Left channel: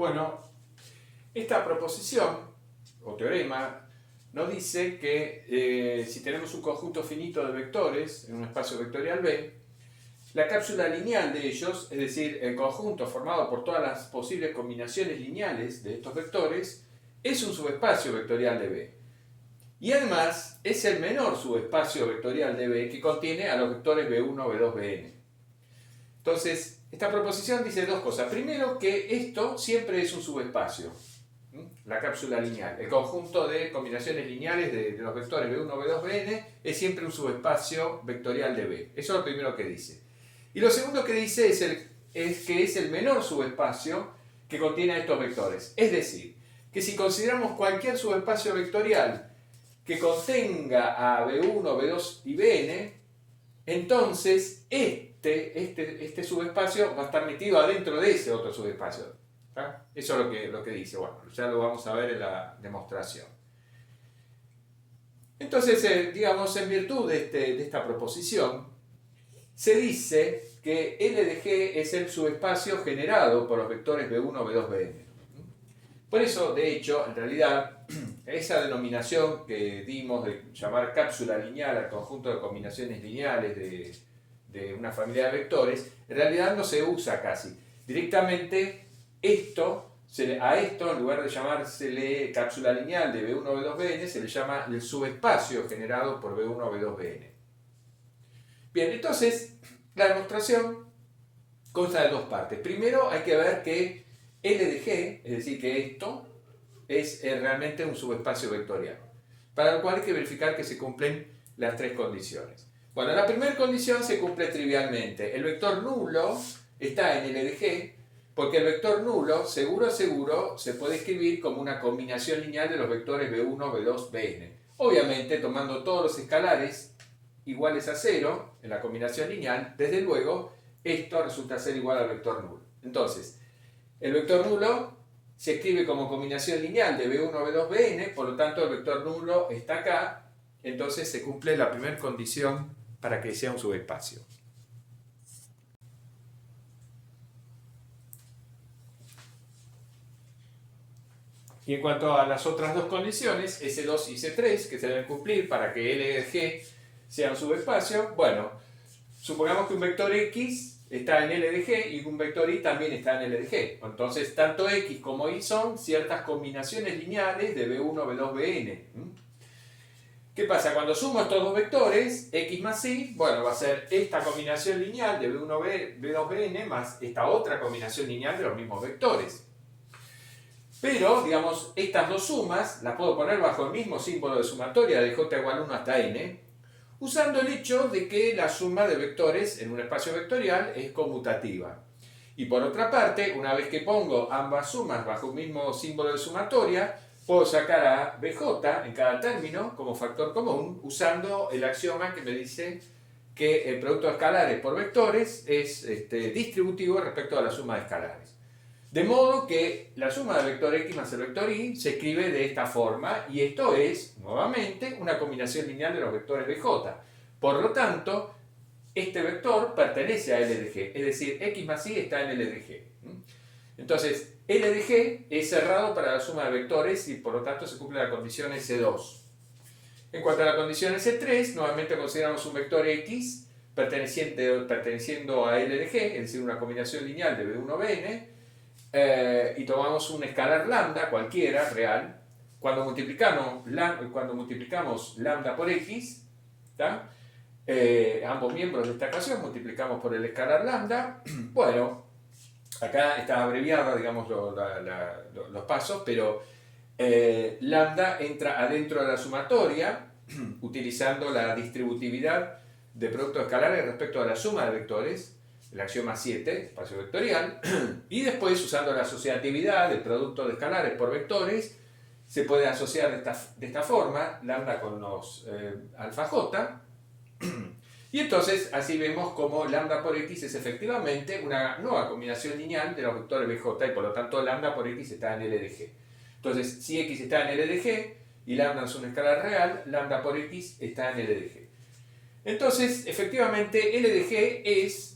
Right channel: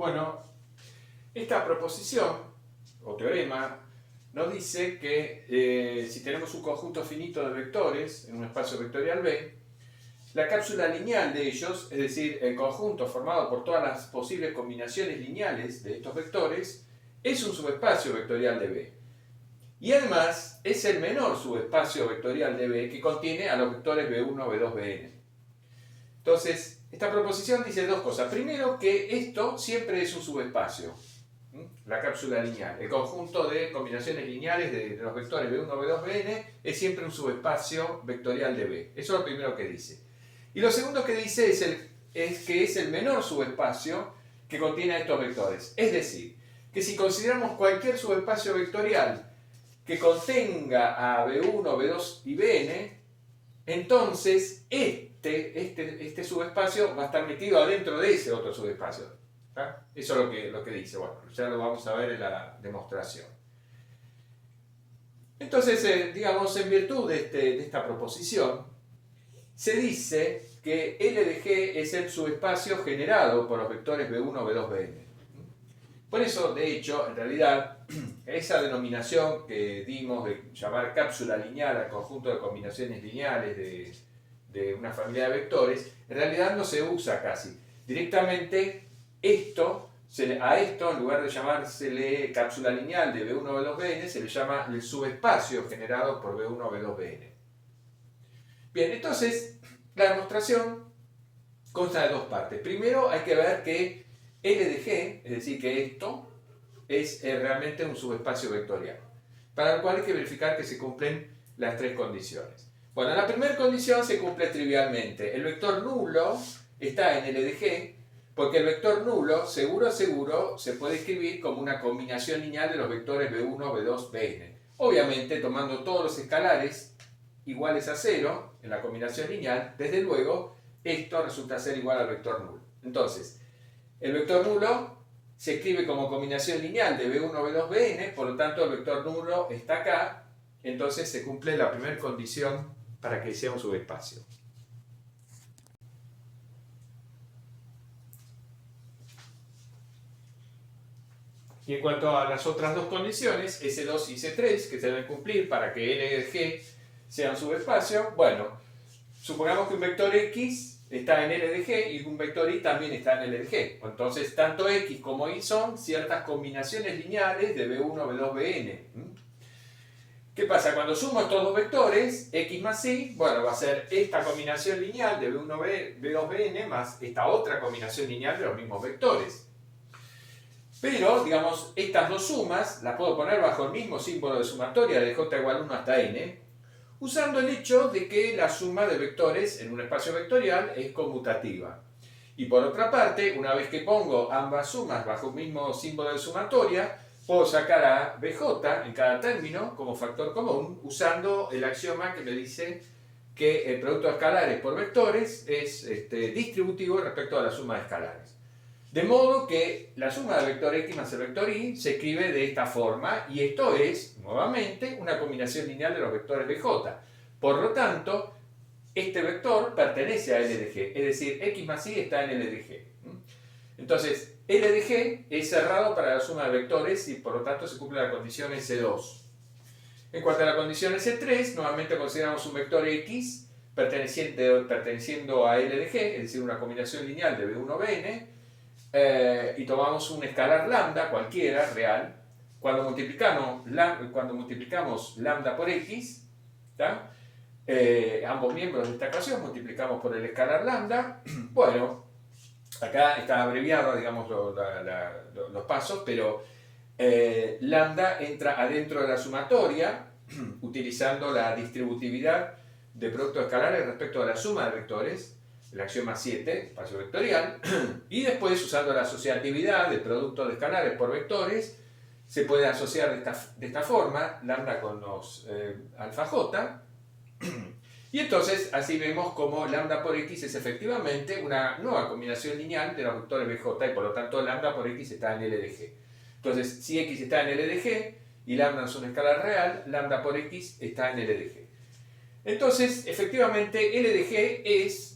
Bueno, esta proposición o teorema nos dice que si tenemos un conjunto finito de vectores en un espacio vectorial B, la cápsula lineal de ellos, es decir, el conjunto formado por todas las posibles combinaciones lineales de estos vectores, es un subespacio vectorial de B. Y además es el menor subespacio vectorial de B que contiene a los vectores B1, B2, Bn. Entonces, esta proposición dice dos cosas. Primero, que esto siempre es un subespacio, la cápsula lineal. El conjunto de combinaciones lineales de los vectores B1, B2, Bn es siempre un subespacio vectorial de B. Eso es lo primero que dice. Y lo segundo que dice es que es el menor subespacio que contiene a estos vectores. Es decir, que si consideramos cualquier subespacio vectorial que contenga a B1, B2 y Bn, entonces este subespacio va a estar metido adentro de ese otro subespacio. ¿Tá? Eso es lo que dice. Bueno, ya lo vamos a ver en la demostración. Entonces, digamos, en virtud de esta proposición, se dice que L de G es el subespacio generado por los vectores B1, B2, Bn. Por eso, de hecho, en realidad, esa denominación que dimos de llamar cápsula lineal al conjunto de combinaciones lineales de una familia de vectores, en realidad no se usa casi. Directamente, a esto, en lugar de llamársele cápsula lineal de B1, B2, Bn, se le llama el subespacio generado por B1, B2, Bn. Bien, entonces, la demostración consta de dos partes. Primero hay que ver que L de G, es decir, que esto es realmente un subespacio vectorial, para lo cual hay que verificar que se cumplen las tres condiciones. Bueno, la primera condición se cumple trivialmente. El vector nulo está en L de G, porque el vector nulo, seguro se puede escribir como una combinación lineal de los vectores B1, B2, Bn. Obviamente, tomando todos los escalares iguales a 0 en la combinación lineal, desde luego, esto resulta ser igual al vector nulo. Entonces, el vector nulo se escribe como combinación lineal de B1, B2, Bn, por lo tanto el vector nulo está acá, entonces se cumple la primera condición para que sea un subespacio. Y en cuanto a las otras dos condiciones, S2 y C3, que se deben cumplir para que L de G sea un subespacio, bueno, supongamos que un vector X está en L de G y un vector Y también está en L de G. Entonces, tanto X como Y son ciertas combinaciones lineales de B1, B2, Bn. ¿Qué pasa? Cuando sumo estos dos vectores, X más Y, bueno, va a ser esta combinación lineal de B1, B2, Bn más esta otra combinación lineal de los mismos vectores. Pero, digamos, estas dos sumas las puedo poner bajo el mismo símbolo de sumatoria de j igual 1 hasta n, usando el hecho de que la suma de vectores en un espacio vectorial es conmutativa. Y por otra parte, una vez que pongo ambas sumas bajo un mismo símbolo de sumatoria, puedo sacar a bj en cada término como factor común, usando el axioma que me dice que el producto de escalares por vectores es distributivo respecto a la suma de escalares. De modo que la suma del vector x más el vector y se escribe de esta forma, y esto es, nuevamente, una combinación lineal de los vectores bj. Por lo tanto, este vector pertenece a L de G, es decir, x más y está en L de G. Entonces, L de G es cerrado para la suma de vectores y por lo tanto se cumple la condición S2. En cuanto a la condición S3, nuevamente consideramos un vector x perteneciendo a L de G, es decir, una combinación lineal de B1, Bn, y tomamos un escalar lambda cualquiera, real. Cuando multiplicamos lambda por x, ambos miembros de esta ecuación multiplicamos por el escalar lambda. Bueno, acá está abreviado, digamos, los pasos, pero lambda entra adentro de la sumatoria utilizando la distributividad de productos escalares respecto a la suma de vectores, el axioma 7, espacio vectorial, y después, usando la asociatividad de productos de escalares por vectores, se puede asociar de esta forma, lambda con los alfa j, y entonces así vemos como lambda por x es efectivamente una nueva combinación lineal de los vectores bj, y por lo tanto lambda por x está en L de G. Entonces, si x está en L de G y lambda es una escala real, lambda por x está en L de G. Entonces, efectivamente, L de G es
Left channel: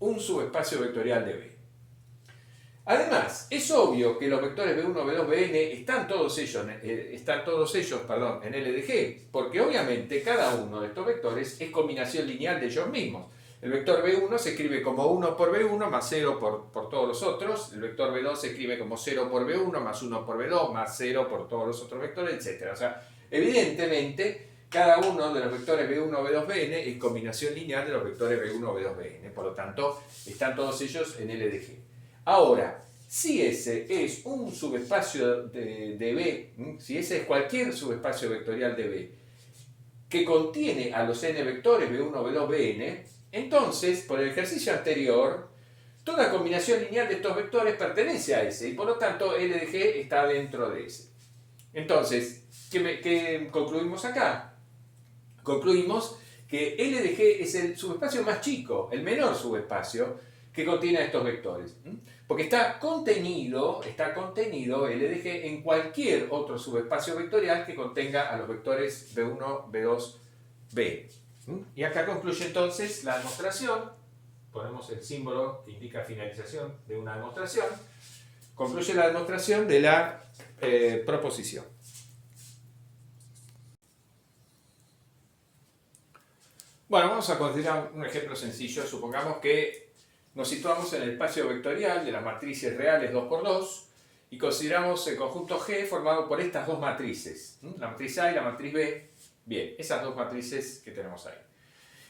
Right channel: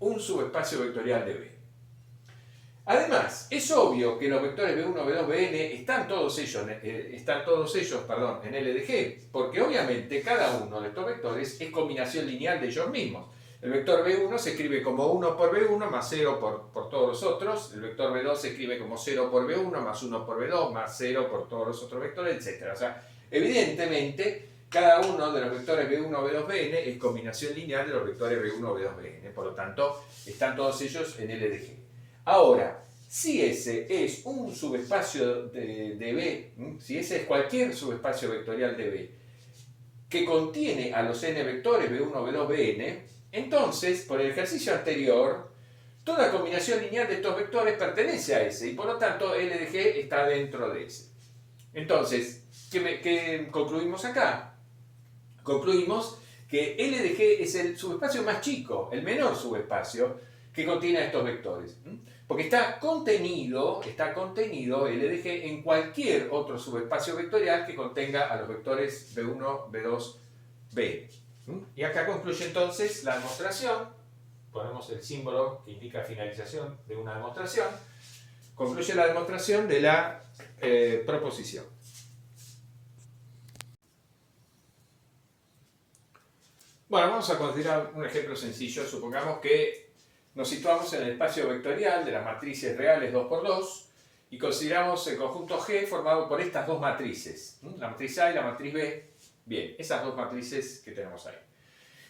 un subespacio vectorial de B. Además, es obvio que los vectores B1, B2, Bn están todos ellos en LDG, porque obviamente cada uno de estos vectores es combinación lineal de ellos mismos. El vector B1 se escribe como 1 por B1 más 0 por todos los otros. El vector B2 se escribe como 0 por B1 más 1 por B2 más 0 por todos los otros vectores, etc. O sea, evidentemente, cada uno de los vectores B1, B2, Bn es combinación lineal de los vectores B1, B2, Bn. Por lo tanto, están todos ellos en LDG. Ahora, si ese es un subespacio de B, si ese es cualquier subespacio vectorial de B, que contiene a los n vectores B1, B2, Bn, entonces, por el ejercicio anterior, toda combinación lineal de estos vectores pertenece a ese, y por lo tanto LDG está dentro de ese. Entonces, ¿qué concluimos acá? Concluimos que LDG es el subespacio más chico, el menor subespacio que contiene a estos vectores. Porque está contenido LDG en cualquier otro subespacio vectorial que contenga a los vectores B1, B2, B. Y acá concluye entonces la demostración. Ponemos el símbolo que indica finalización de una demostración. Concluye la demostración de la proposición. Bueno, vamos a considerar un ejemplo sencillo. Supongamos que nos situamos en el espacio vectorial de las matrices reales 2×2 y consideramos el conjunto G formado por estas dos matrices, la matriz A y la matriz B. Bien, esas dos matrices que tenemos ahí.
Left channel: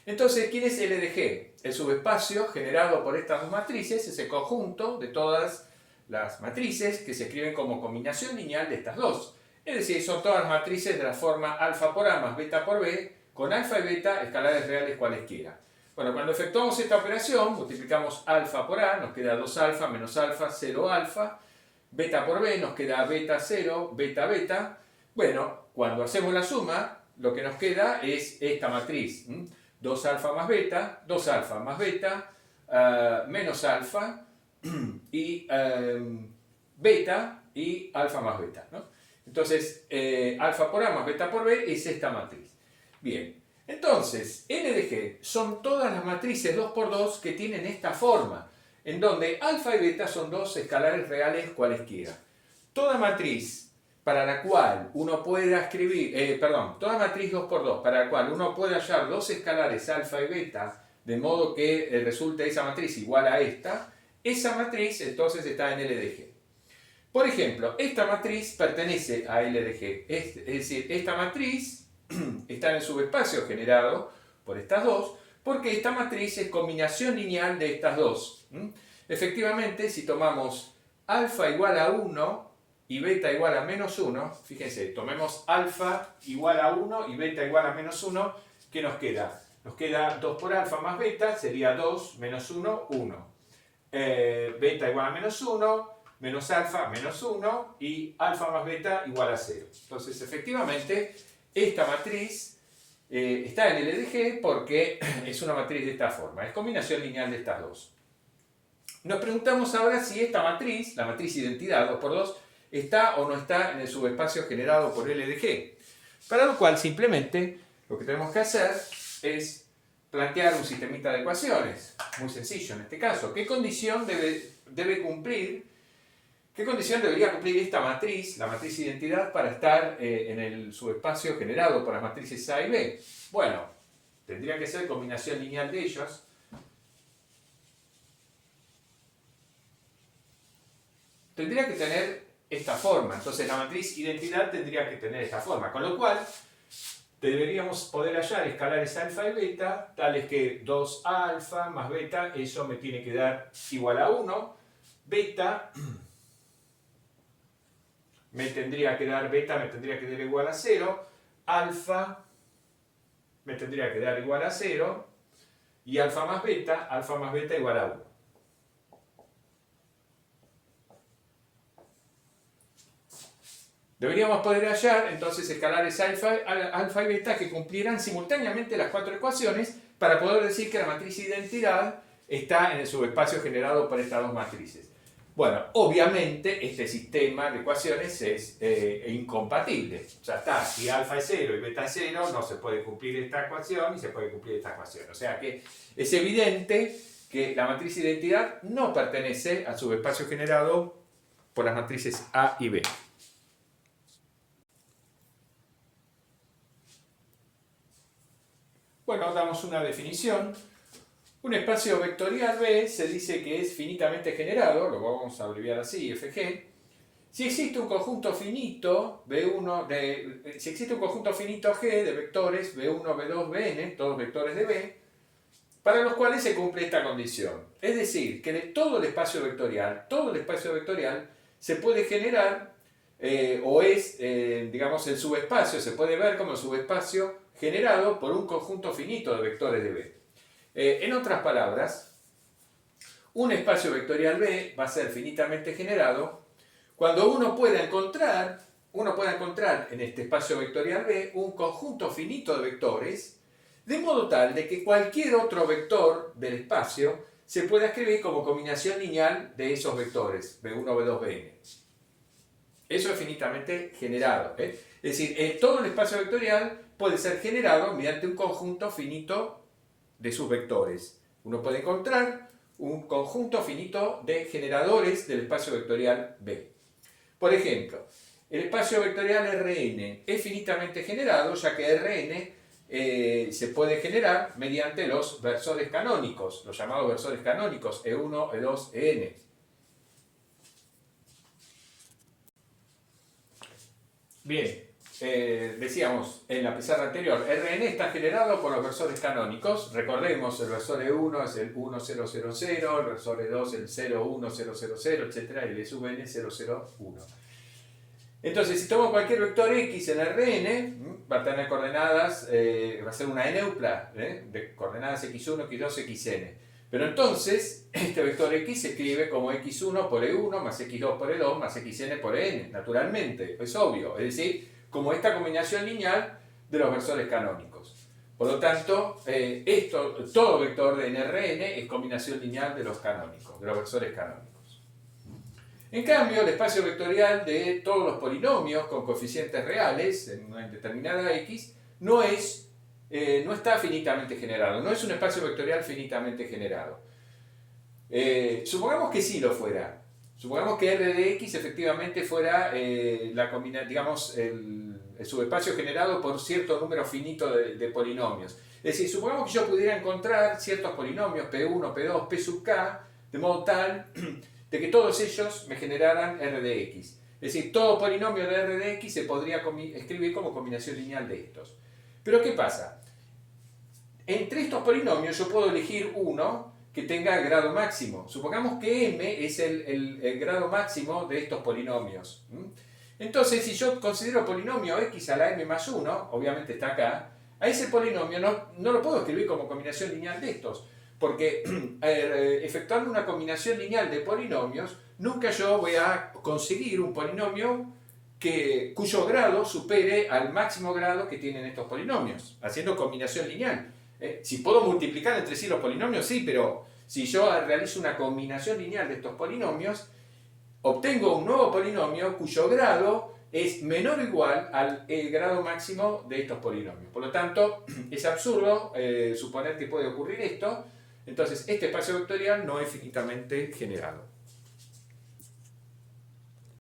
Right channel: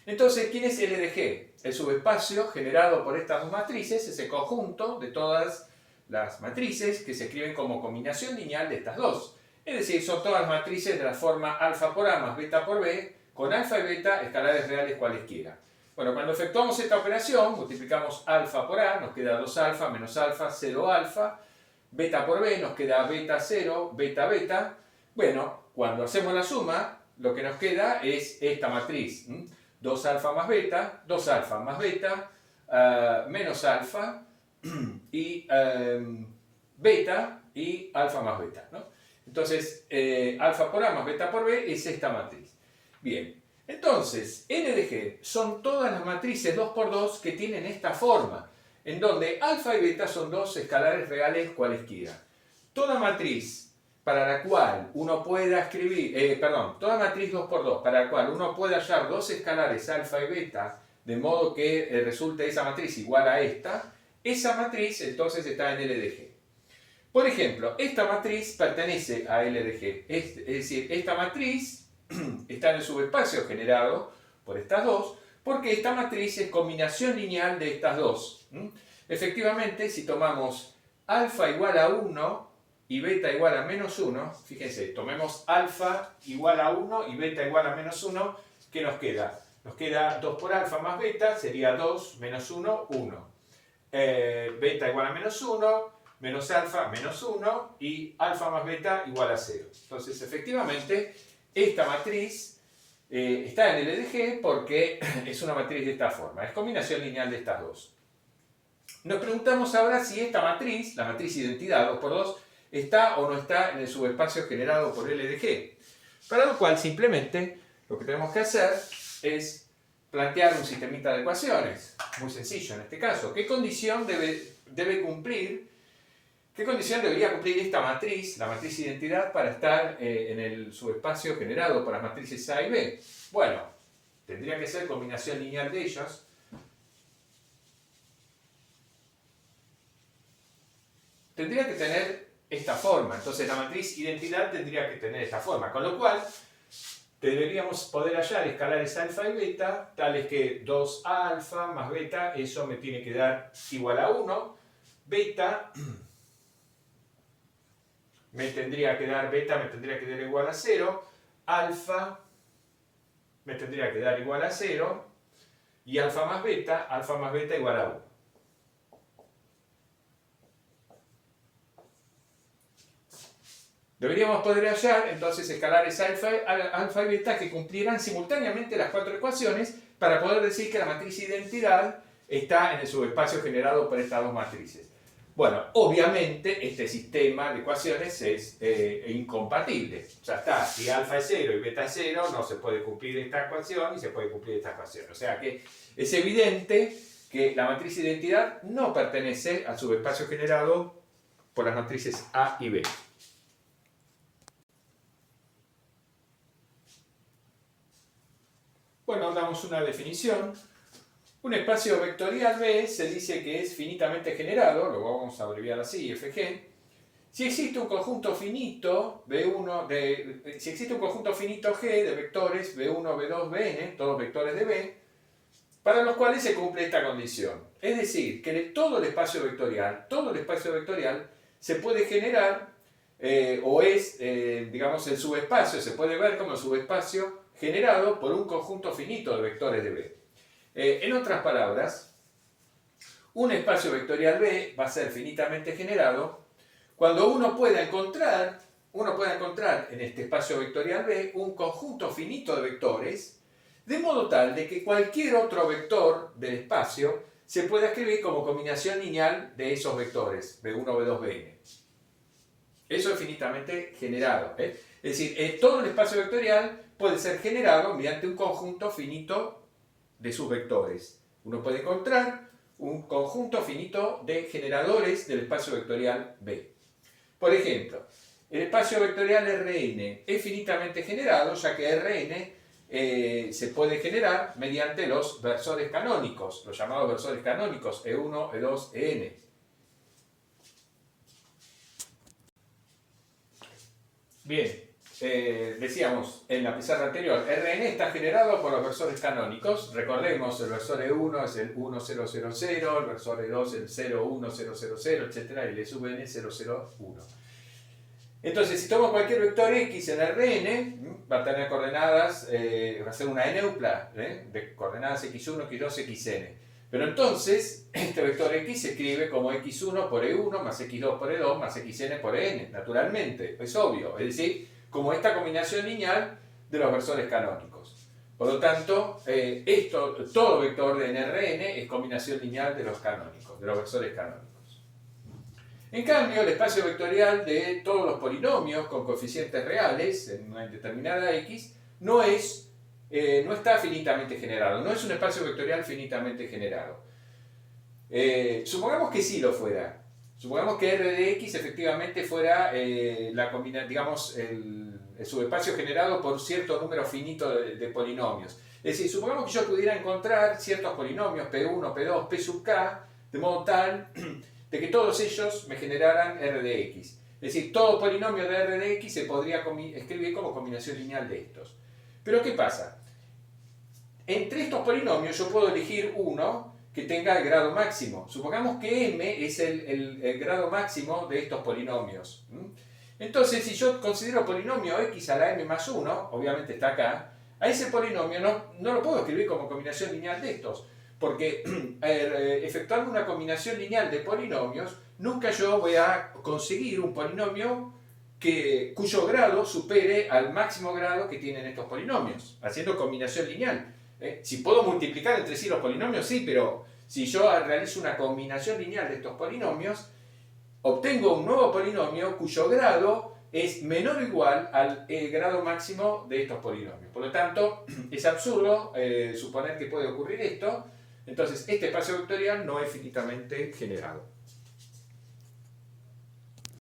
Entonces, ¿quién es LDG? El subespacio generado por estas dos matrices es el conjunto de todas las matrices que se escriben como combinación lineal de estas dos. Es decir, son todas las matrices de la forma alfa por A más beta por B, con alfa y beta escalares reales cualesquiera. Bueno, cuando efectuamos esta operación, multiplicamos alfa por A, nos queda 2 alfa menos alfa, 0 alfa, beta por B, nos queda beta 0, beta beta. Bueno, cuando hacemos la suma, lo que nos queda es esta matriz. 2 alfa más beta, 2 alfa más beta, menos alfa, y beta y alfa más beta, ¿no? Entonces, alfa por A más beta por B es esta matriz. Bien, entonces, LDG son todas las matrices 2×2 que tienen esta forma, en donde alfa y beta son dos escalares reales cualesquiera. Toda matriz para la cual uno pueda escribir, toda matriz 2×2 para la cual uno puede hallar dos escalares alfa y beta, de modo que resulte esa matriz igual a esa matriz entonces está en LDG. Por ejemplo, esta matriz pertenece a LDG, es decir, esta matriz está en el subespacio generado por estas dos, porque esta matriz es combinación lineal de estas dos. Efectivamente, si tomamos alfa igual a 1 y beta igual a menos 1, fíjense, tomemos alfa igual a 1 y beta igual a menos 1, ¿qué nos queda? Nos queda 2 por alfa más beta, sería 2 menos 1, 1. Beta igual a menos 1, menos alfa menos 1 y alfa más beta igual a 0. Entonces, efectivamente, esta matriz está en LDG porque es una matriz de esta forma, es combinación lineal de estas dos. Nos preguntamos ahora si esta matriz, la matriz identidad 2×2, está o no está en el subespacio generado por LDG. Para lo cual simplemente lo que tenemos que hacer es plantear un sistemita de ecuaciones, muy sencillo en este caso. ¿Qué condición debería cumplir esta matriz, la matriz identidad, para estar en el subespacio generado por las matrices A y B? Bueno, tendría que ser combinación lineal de ellos. Tendría que tener esta forma. Entonces la matriz identidad tendría que tener esta forma. Con lo cual, deberíamos poder hallar escalares alfa y beta, tales que 2 alfa más beta, eso me tiene que dar igual a 1. Beta me tendría que dar igual a 0, alfa me tendría que dar igual a 0, y alfa más beta igual a 1. Deberíamos poder hallar entonces escalares alfa y beta que cumplieran simultáneamente las cuatro ecuaciones para poder decir que la matriz identidad está en el subespacio generado por estas dos matrices. Bueno, obviamente este sistema de ecuaciones es incompatible. Ya está, si alfa es 0 y beta es 0, no se puede cumplir esta ecuación y se puede cumplir esta ecuación. O sea que es evidente que la matriz identidad no pertenece al subespacio generado por las matrices A y B. Bueno, damos una definición. Un espacio vectorial B se dice que es finitamente generado, lo vamos a abreviar así, FG, si existe un conjunto finito si existe un conjunto finito G de vectores B1, B2, Bn, todos vectores de B, para los cuales se cumple esta condición. Es decir, que de todo el espacio vectorial se puede generar, digamos, el subespacio, se puede ver como el subespacio generado por un conjunto finito de vectores de B. En otras palabras, un espacio vectorial B va a ser finitamente generado cuando uno pueda encontrar en este espacio vectorial B un conjunto finito de vectores, de modo tal de que cualquier otro vector del espacio se pueda escribir como combinación lineal de esos vectores, B1, B2, Bn. Eso es finitamente generado. Es decir, todo el espacio vectorial puede ser generado mediante un conjunto finito de sus vectores. Uno puede encontrar un conjunto finito de generadores del espacio vectorial B. Por ejemplo, el espacio vectorial Rn es finitamente generado, ya que Rn se puede generar mediante los versores canónicos, los llamados versores canónicos E1, E2, En. Bien, decíamos en la pizarra anterior, Rn está generado por los versores canónicos. Recordemos, el versor E1 es el 1000, el versor E2 el 01000, etc. y el E sub n 001. Entonces, si tomo cualquier vector x en Rn, va a tener coordenadas, va a ser una eneupla de coordenadas x1, x2, xn. Pero entonces, este vector x se escribe como x1 por e1 más x2 por e2 más xn por en, naturalmente, es obvio. Es decir, como esta combinación lineal de los versores canónicos. Por lo tanto, todo vector en Rn es combinación lineal de los canónicos, de los versores canónicos. En cambio, el espacio vectorial de todos los polinomios con coeficientes reales en una determinada x no está finitamente generado, no es un espacio vectorial finitamente generado. Supongamos que sí lo fuera. Supongamos que R de x efectivamente fuera el subespacio generado por cierto número finito de polinomios. Es decir, supongamos que yo pudiera encontrar ciertos polinomios P1, P2, P sub k, de modo tal de que todos ellos me generaran R de x. Es decir, todo polinomio de R de x se podría escribir como combinación lineal de estos. Pero ¿qué pasa? Entre estos polinomios yo puedo elegir uno que tenga grado máximo. Supongamos que m es el grado máximo de estos polinomios. Entonces, si yo considero polinomio x a la m más 1, obviamente está acá, a ese polinomio no lo puedo escribir como combinación lineal de estos, porque efectuando una combinación lineal de polinomios, nunca yo voy a conseguir un polinomio cuyo grado supere al máximo grado que tienen estos polinomios, haciendo combinación lineal. Si puedo multiplicar entre sí los polinomios, sí, pero si yo realizo una combinación lineal de estos polinomios, obtengo un nuevo polinomio cuyo grado es menor o igual al grado máximo de estos polinomios. Por lo tanto, es absurdo suponer que puede ocurrir esto. Entonces, este espacio vectorial no es finitamente generado.